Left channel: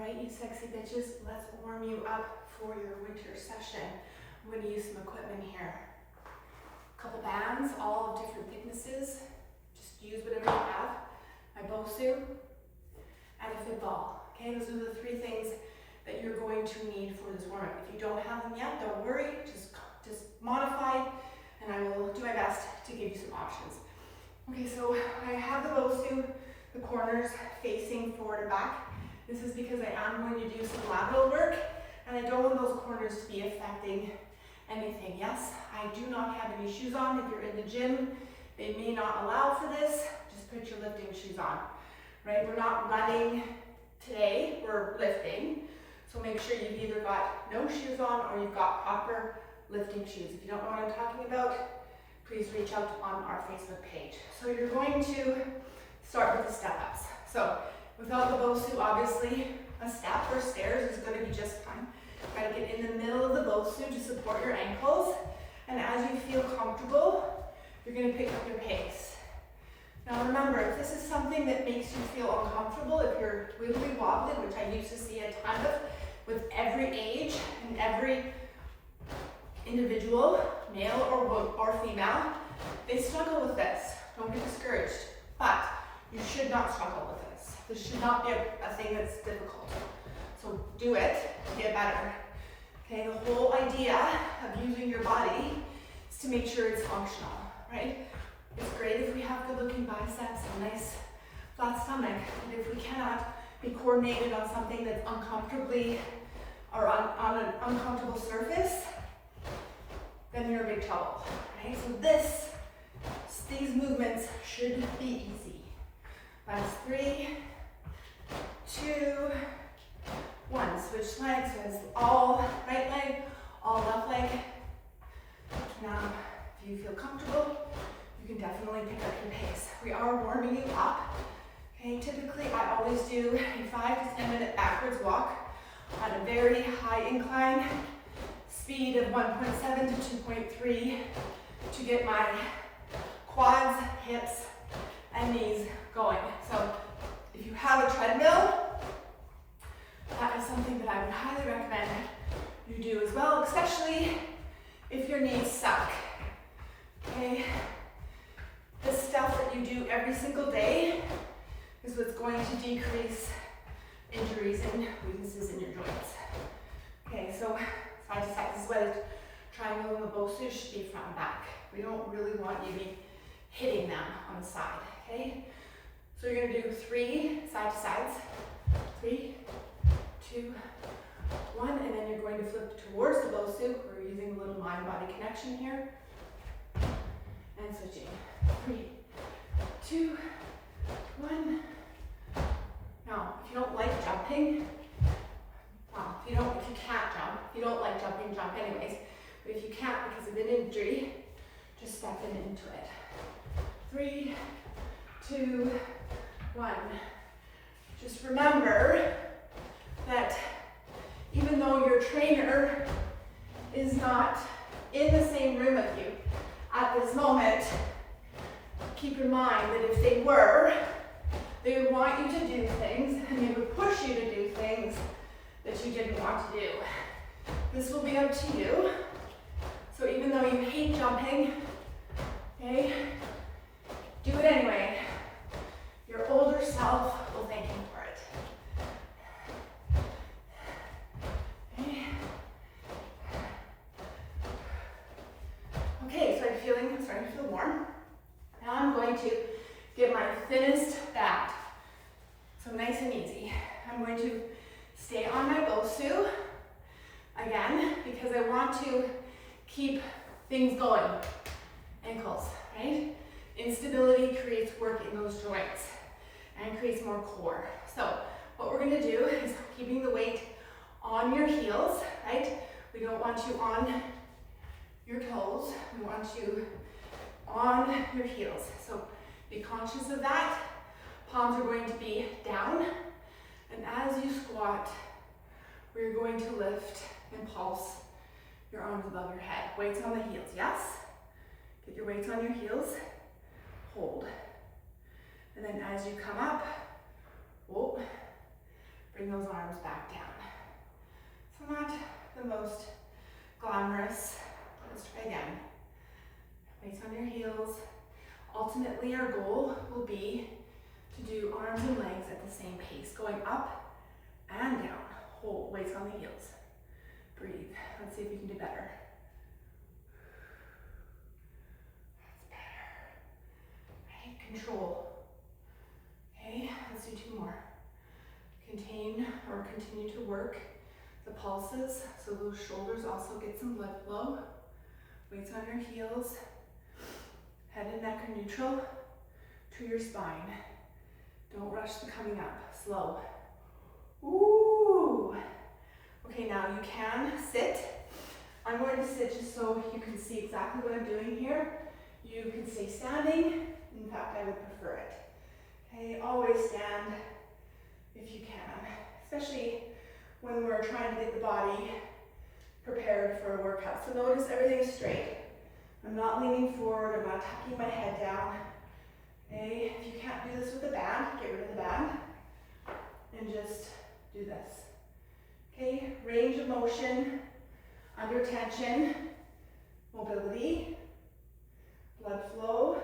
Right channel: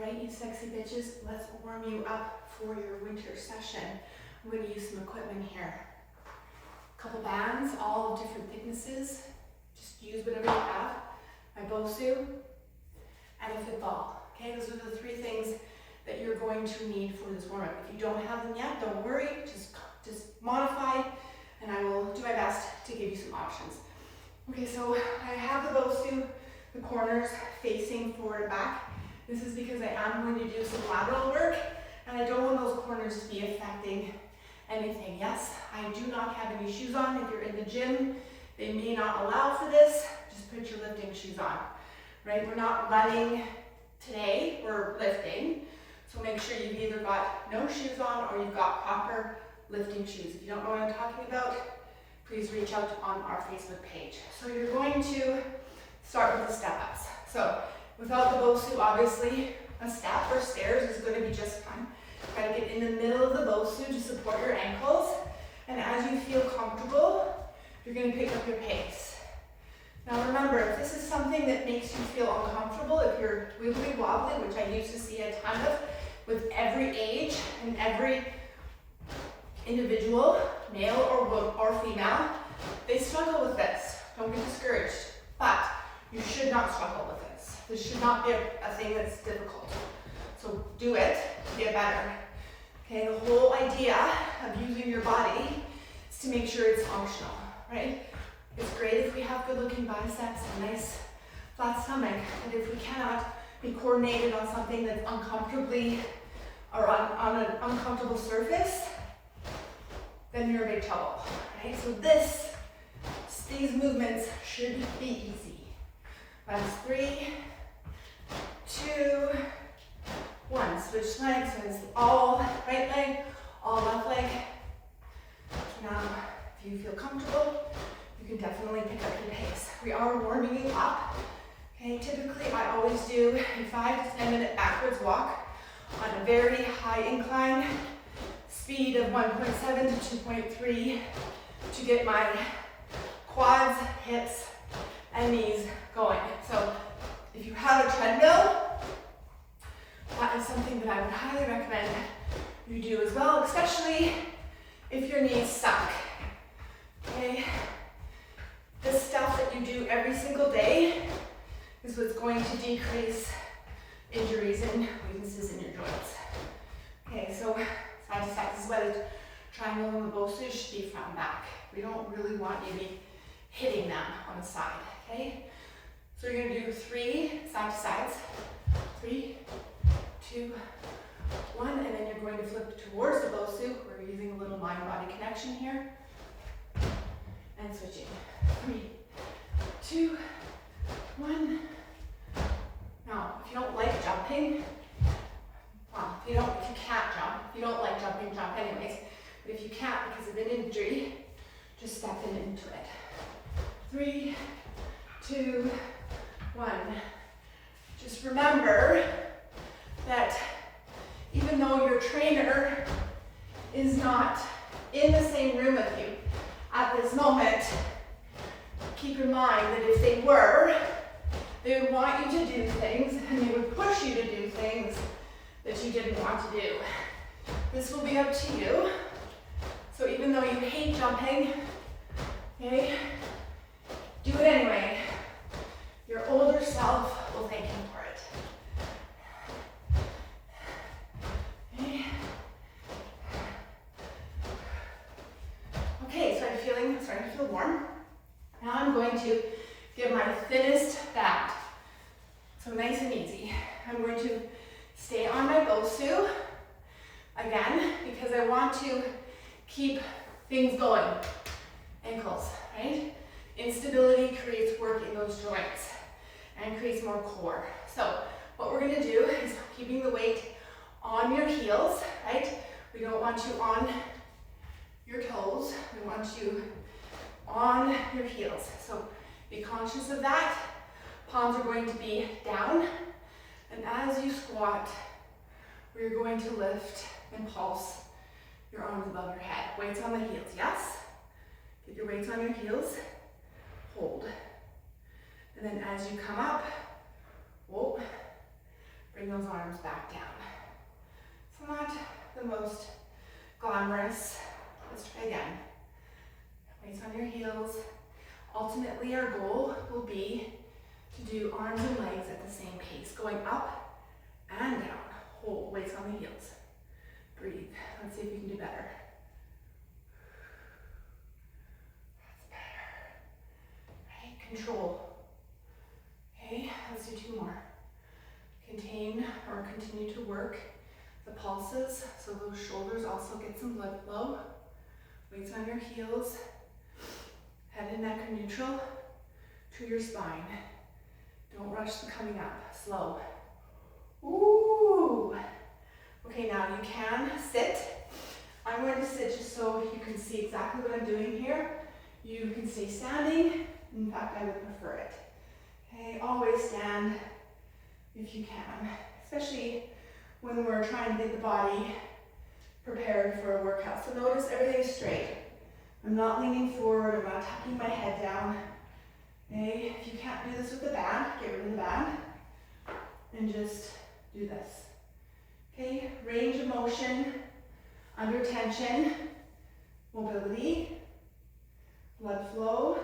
All right, you sexy bitches, let's warm you up for your winter session. I'm going to use some equipment here. A couple bands, all of different thicknesses. Just use whatever you have. My Bosu and a football. Okay, those are the three things that you're going to need for this warm-up. If you don't have them yet, don't worry. Just modify, and I will do my best to give you some options. Okay, so I have the Bosu, the corners facing forward and back. This is because I am going to do some lateral work, and I don't want those corners to be affecting anything. Yes, I do not have any shoes on. If you're in the gym, they may not allow for this. Just put your lifting shoes on, right? We're not running today, we're lifting. So make sure you've either got no shoes on or you've got proper lifting shoes. If you don't know what I'm talking about, please reach out on our Facebook page. So you're going to start with the step-ups. So without the Bosu, obviously, a step or stairs is going to be just fine. Try to get in the middle of the Bosu to support your ankles. And as you feel comfortable, you're going to pick up your pace. Now remember, if this is something that makes you feel uncomfortable, if you're wibbly wobbly, which I used to see a ton of with every age and every individual, male or female, they struggle with this. Don't get discouraged. But you should not struggle with this. This should not be a thing that's difficult. So do it to get better. Okay, the whole idea of using your body is to make sure it's functional, right? It's great if we have good looking biceps and a nice flat stomach, but if we cannot be coordinated on something that's uncomfortably or on an uncomfortable surface, then you're in big trouble, right? So these movements should be easy. Last 3, 2, 1. Switch legs, so it's all right leg, all left leg. Now, if you feel comfortable, you can definitely pick up your pace. We are warming you up. Okay, typically I always do a 5 to 10 minute backwards walk on a very high incline, speed of 1.7 to 2.3 to get my quads, hips, and knees going. So if you have a treadmill, that is something that I would highly recommend you do as well, especially if your knees suck. Okay, the stuff that you do every single day is what's going to decrease injuries and weaknesses in your joints. Okay, so side to side, this is why the triangle and the Bosu should be front and back. We don't really want you to be hitting them on the side, okay? So you're gonna do 3 side to sides. 3, 2, 1, and then you're going to flip towards the Bosu. We're using a little mind-body connection here. And switching. 3, 2, 1. Now, if you don't like jumping, well, if you can't jump, if you don't like jumping, jump anyways. But if you can't because of an injury, just step into it. 3, 2, 1. Just remember that even though your trainer is not in the same room with you at this moment, keep in mind that if they were, they would want you to do things and they would push you to do things that you didn't want to do. This will be up to you. So even though you hate jumping, okay, do it anyway. Your older self will thank you for it. Okay. Okay, so I'm starting to feel warm. Now I'm going to get my thinnest band. So nice and easy. I'm going to stay on my Bosu again because I want to keep things going. Ankles, right? Instability creates work in those joints and creates more core. So what we're gonna do is keeping the weight on your heels, right? We don't want you on your toes. We want you on your heels. So be conscious of that. Palms are going to be down. And as you squat, we're going to lift and pulse your arms above your head. Weights on the heels, yes? Get your weights on your heels. Hold. And then as you come up, whoa, Bring those arms back down. So not the most glamorous. Let's try again. Weights on your heels. Ultimately, our goal will be to do arms and legs at the same pace, going up and down. Hold, weights on the heels. Breathe. Let's see if you can do better. That's better. Right, control. Okay, let's do 2 more. Contain or continue to work the pulses, so those shoulders also get some blood flow. Weights on your heels. Head and neck are neutral to your spine. Don't rush the coming up. Slow. Ooh. Okay, now you can sit. I'm going to sit just so you can see exactly what I'm doing here. You can stay standing. In fact, I would prefer it. Okay, always stand if you can, especially when we're trying to get the body prepared for a workout. So notice everything's straight. I'm not leaning forward, I'm not tucking my head down. Okay, if you can't do this with the band, get rid of the band and just do this. Okay, range of motion, under tension, mobility, blood flow,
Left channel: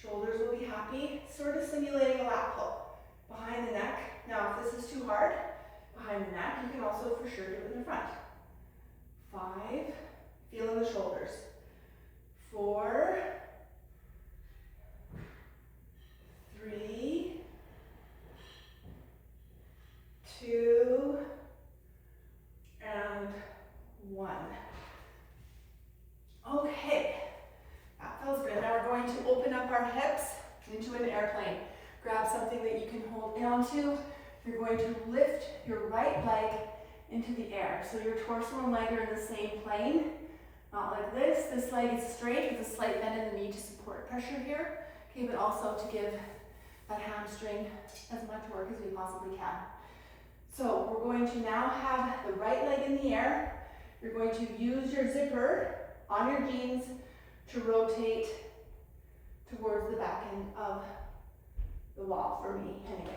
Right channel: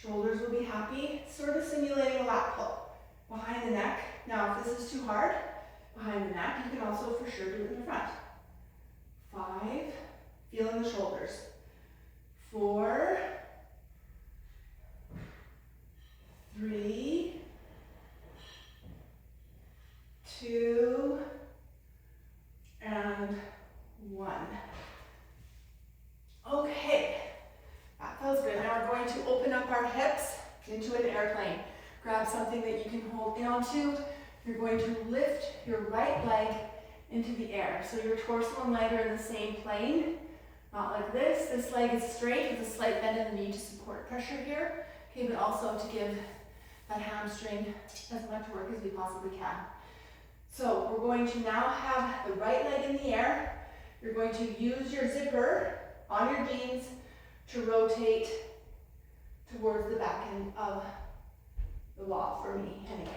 shoulders will be happy, sort of simulating a lat pull behind the neck. Now, if this is too hard, behind the neck, you can also for sure do it in the front. 5, feeling the shoulders. 4, 3, 2, and 1. Okay, that feels good. Now we're going to open up our hips into an airplane. Grab something that you can hold onto. You're going to lift your right leg into the air. So your torso and leg are in the same plane. Not like this. This leg is straight with a slight bend in the knee to support pressure here. Okay, but also to give that hamstring as much work as we possibly can. So we're going to now have the right leg in the air. You're going to use your zipper on your jeans to rotate towards the back end of the wall, for me anyways.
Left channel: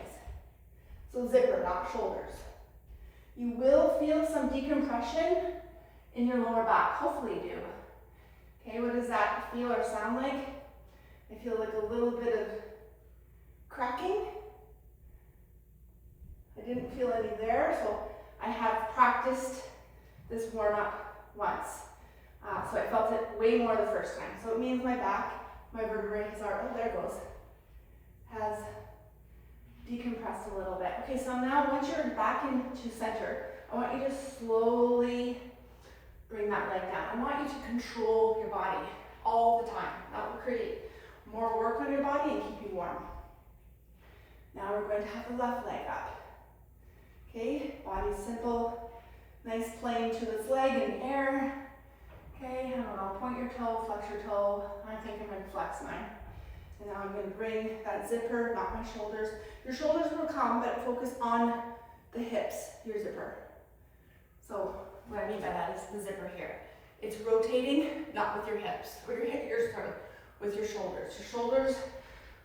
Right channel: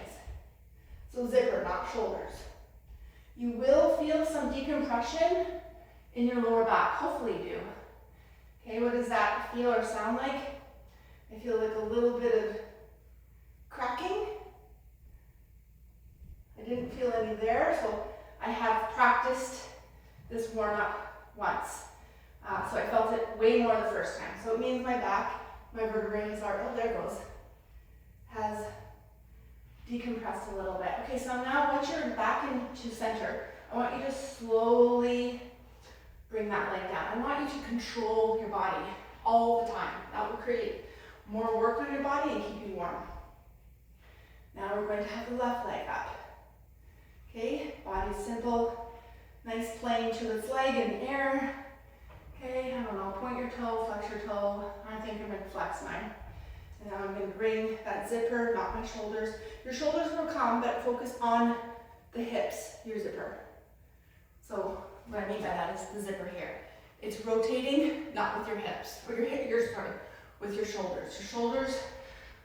So zipper, not shoulders. You will feel some decompression in your lower back, hopefully you do. Okay, what does that feel or sound like? I feel like a little bit of cracking. I didn't feel any there, so I have practiced this warm-up once. So I felt it way more the first time. So it means my back, my vertebrae has already, oh there it goes, has decompressed a little bit. Okay, so now once you're back into center, I want you to slowly bring that leg down. I want you to control your body all the time. That will create more work on your body and keep you warm. Now we're going to have the left leg up. Okay, body simple, nice plane to its leg in the air. Okay, I don't know, point your toe, flex your toe. I think I'm going to flex mine. And now I'm going to bring that zipper, not my shoulders. Your shoulders will come, but focus on the hips, your zipper. So what I mean by that is the zipper here. It's rotating, not with your hips, or with your shoulders. Your shoulders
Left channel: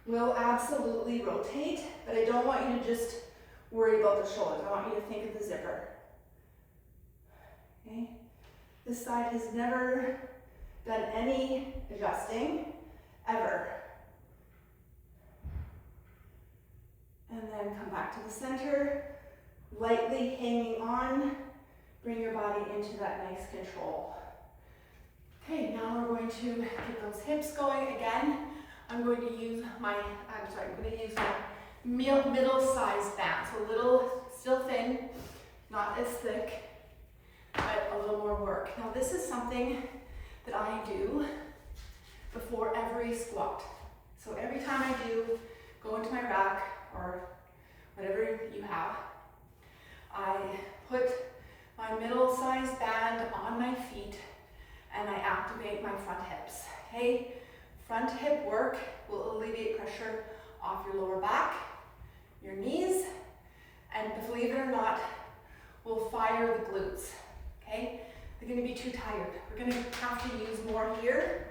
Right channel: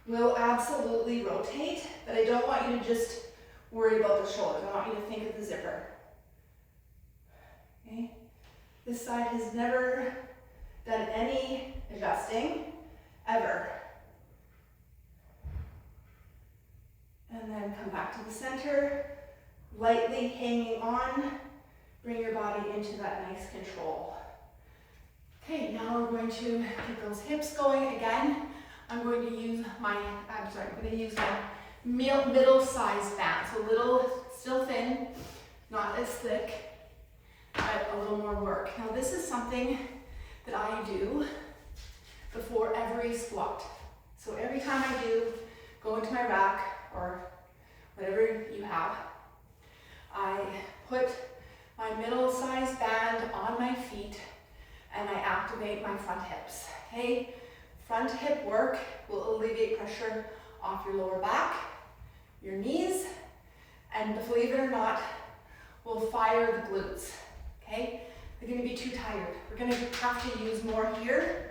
will absolutely rotate, but I don't want you to just worry about the shoulders. I want you to think of the zipper. Okay? This side has never done any adjusting, ever. And then come back to the center, lightly hanging on. Bring your body into that nice control. Okay, now we're going to get those hips going again. I'm going to use my middle-sized band. So little, still thin, not as thick, but a little more work. Now this is something that I do before every squat. So every time I do go into my rack or whatever you have, I put my middle-sized band on my feet and I activate my front hips. Okay, front hip work will alleviate pressure off your lower back, your knees, and believe it or not, will fire the glutes. Okay, they're going to be too tired. We're going to have to use more here,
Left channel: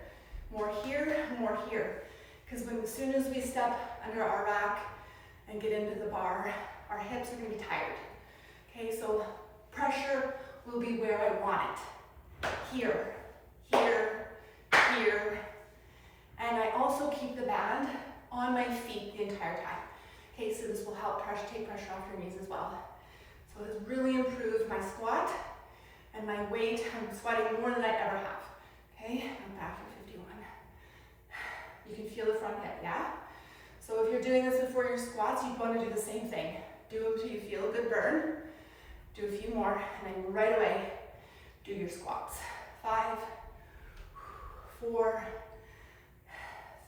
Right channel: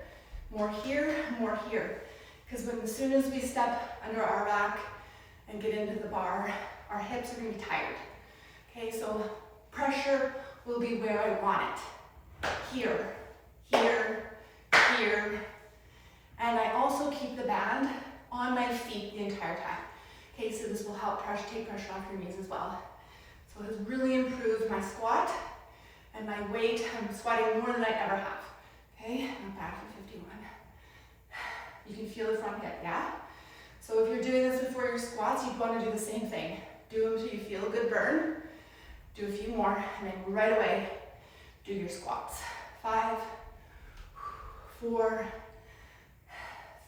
more here, more here. Because as soon as we step under our rack and get into the bar, our hips are gonna be tired. Okay, so pressure will be where I want it. Here, here, here. And I also keep the band on my feet the entire time. Okay, so this will help take pressure off your knees as well. So it has really improved my squat and my weight. I'm squatting more than I ever have. Okay, I'm back for 51. You can feel the front hip, yeah? So if you're doing this before your squats, you'd want to do the same thing. Do them until you feel a good burn. Do a few more, and then right away, do your squats. 5, 4,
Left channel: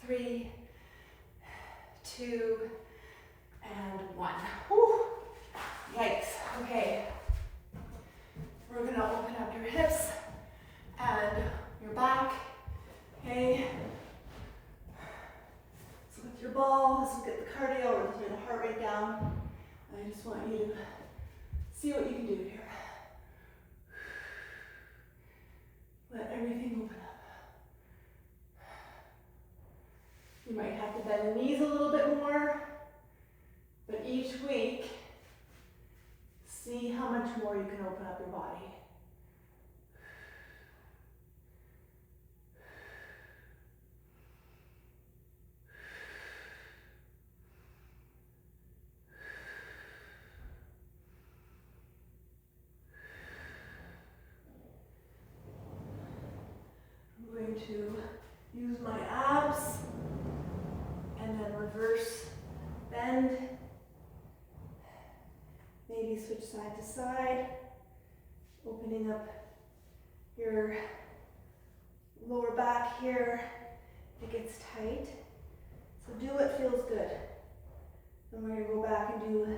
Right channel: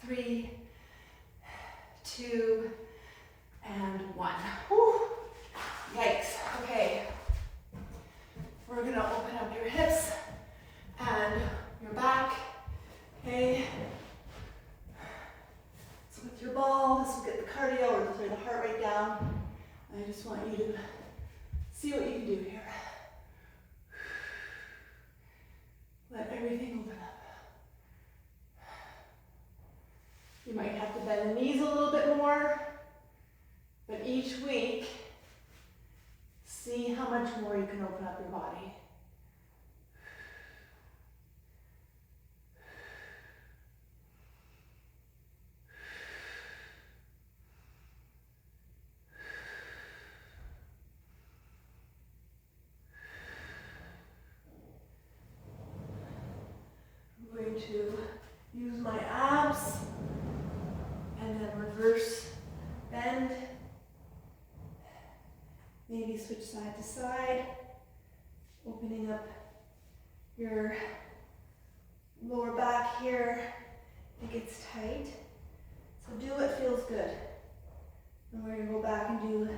3, 2, and 1. Whew. Yikes. Okay. We're gonna open up your hips and your back. Okay. So with your ball, this will get the cardio or the heart rate down. I just want you to see what you can do here. Let everything open up. You might have to bend the knees a little bit more, but each week, see how much more you can open up your body. I'm going to use my abs and then reverse bend. Maybe switch side to side, opening up your lower back here. It gets tight. So do what feels good. And we're going to go back and do the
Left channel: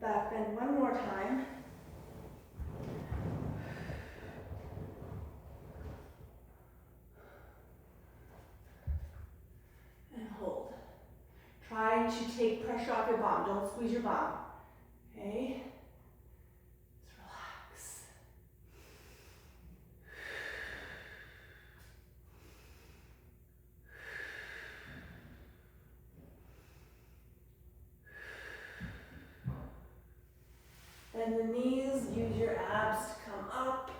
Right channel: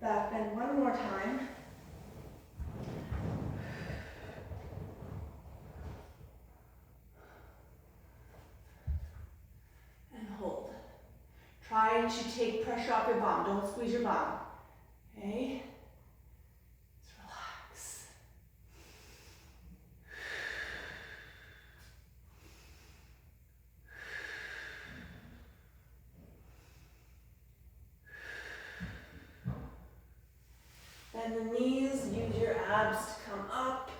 back bend one more time. And hold. Try to take pressure off your bum. Don't squeeze your bum. Okay? Just relax. Bend the knees, use your abs to come up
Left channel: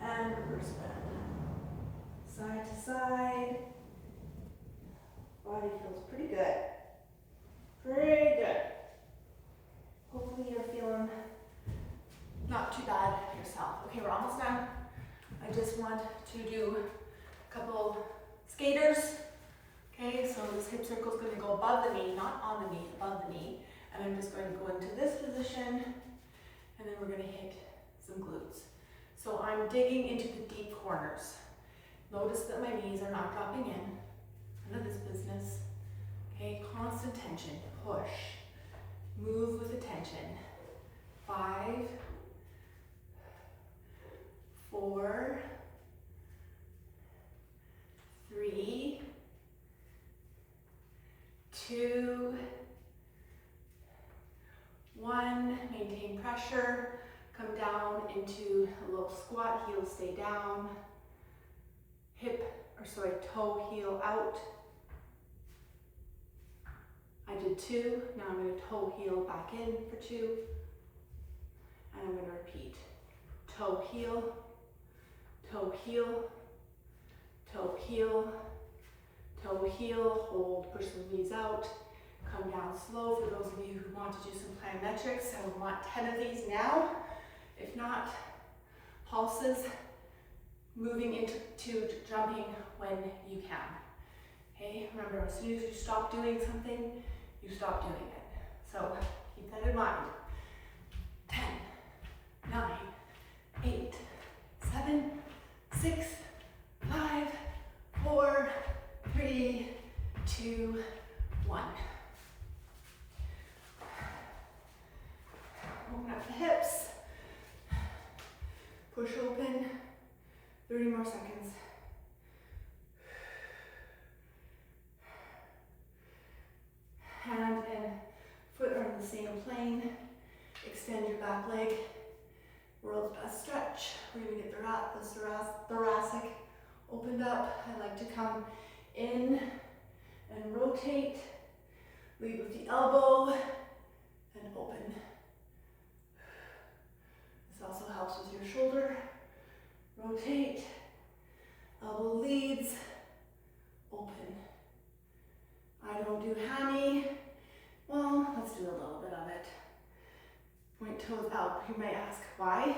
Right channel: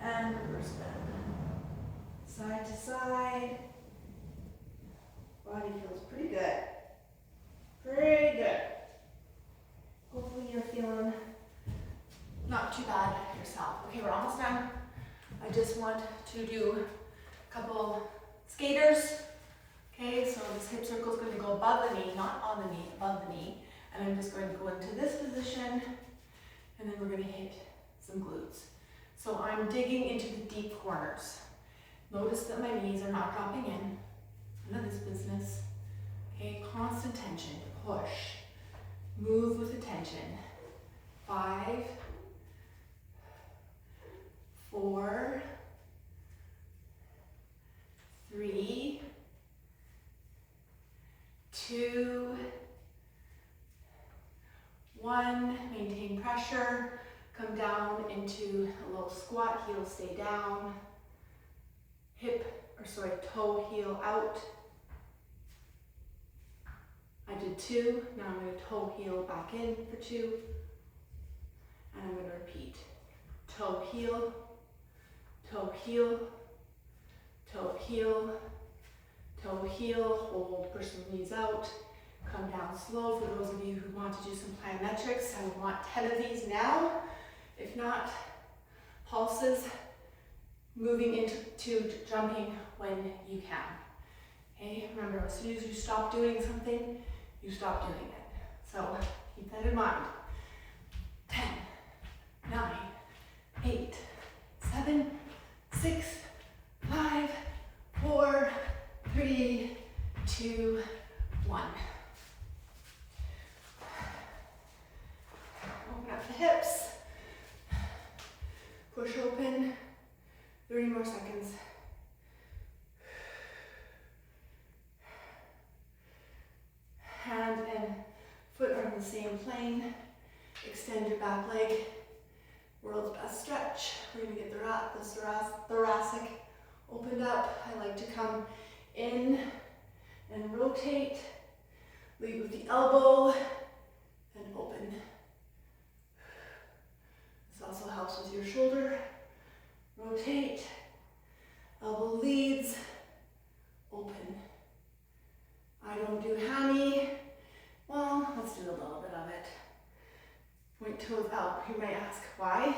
and reverse bend. Side to side. Body feels pretty good. Pretty good. Hopefully you're feeling not too bad yourself. Okay, we're almost done. I just want to do a couple skaters. Okay, so this hip circle is going to go above the knee, not on the knee, above the knee. And I'm just going to go into this position, and then we're going to hit some glutes. So I'm digging into the deep corners. Notice that my knees are not dropping in. None of this business. Okay, constant tension, push. Move with attention. 5, 4, 3, 2, 1. Maintain pressure. Come down into a little squat. Heels stay down. Toe heel out. I did 2, now I'm going to toe heel back in for 2, and I'm going to repeat. Toe heel, toe heel, toe heel, toe heel, hold, push the knees out, come down slow. For those of you who want to do some plyometrics, I would want 10 of these now. If not, pulses, moving into jumping when you can. Okay, remember, as soon as you stop doing something, you stop doing it. So keep that in mind. 10, 9, 8, 7, 6, 5, 4, 3, 2, 1. Open up the hips. Push open. 30 more seconds. Hand and foot are in the same plane. Extend your back leg. World's best stretch. We're going to get the thoracic opened up. I like to come in and rotate. Lead with the elbow and open. This also helps with your shoulder. Rotate, elbow leads, open. I don't do hammy. Well, let's do a little bit of it. Point toes out. You may ask, why?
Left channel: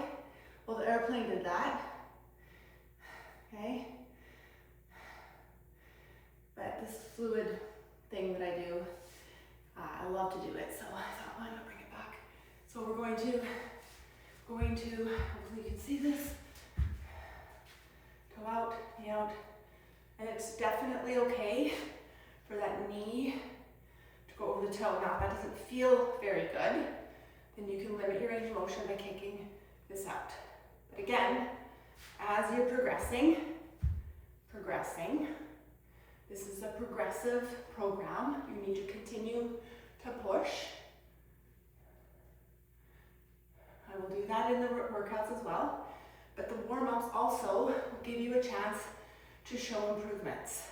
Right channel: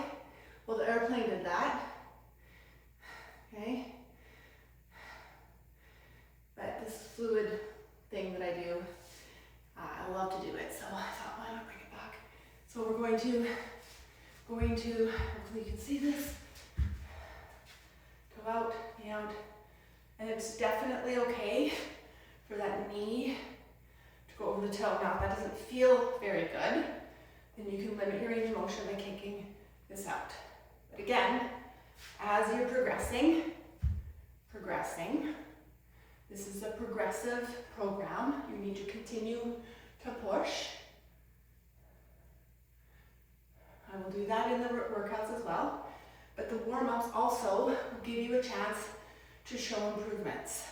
Well, the airplane did that. Okay? But this fluid thing that I do, I love to do it, so I thought, why not bring it back? So we're going to, hopefully you can see this, go out, knee out, and it's definitely okay for that knee to go over the toe. Now, if that doesn't feel very good, then you can limit your range of motion by kicking this out. But again, as you're progressing, this is a progressive program. You need to continue to push. I will do that in the workouts as well, but the warm-ups also will give you a chance to show improvements.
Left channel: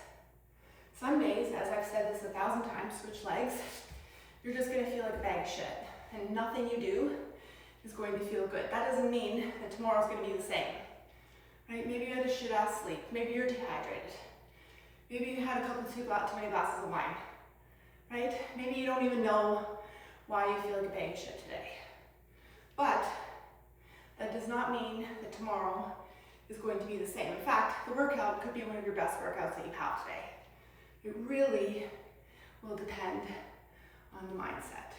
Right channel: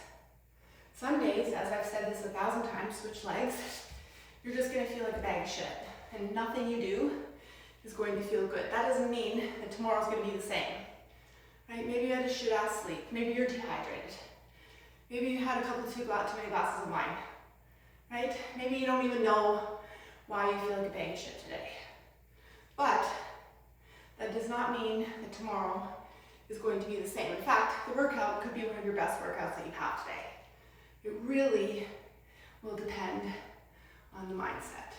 Some days, as I've said this 1,000 times, switch legs, you're just gonna feel like a bag of shit, and nothing you do is going to feel good. That doesn't mean that tomorrow's gonna be the same, right? Maybe you had a shit-ass sleep, maybe you're dehydrated, maybe you had a couple too many glasses of wine, right? Maybe you don't even know why you feel like a bag of shit today. But that does not mean that tomorrow is going to be the same. In fact, the workout could be one of your best workouts that you have today. It really will depend on the mindset.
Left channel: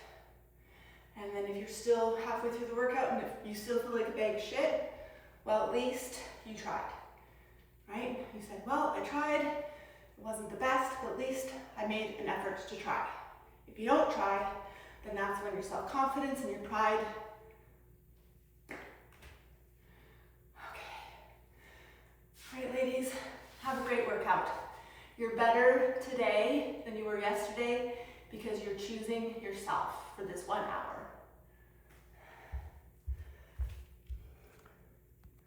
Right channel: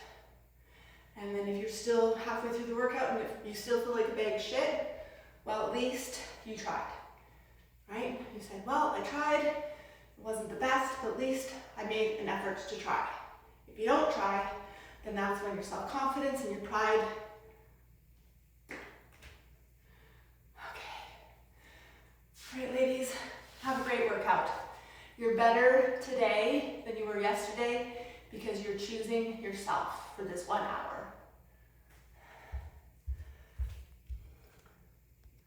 And then if you're still halfway through the workout and if you still feel like a bag of shit, well, at least you tried, right? You said, well, I tried, it wasn't the best, but at least I made an effort to try. If you don't try, then that's when your self-confidence and your pride. All right, ladies, have a great workout. You're better today than you were yesterday because you're choosing yourself for this 1 hour.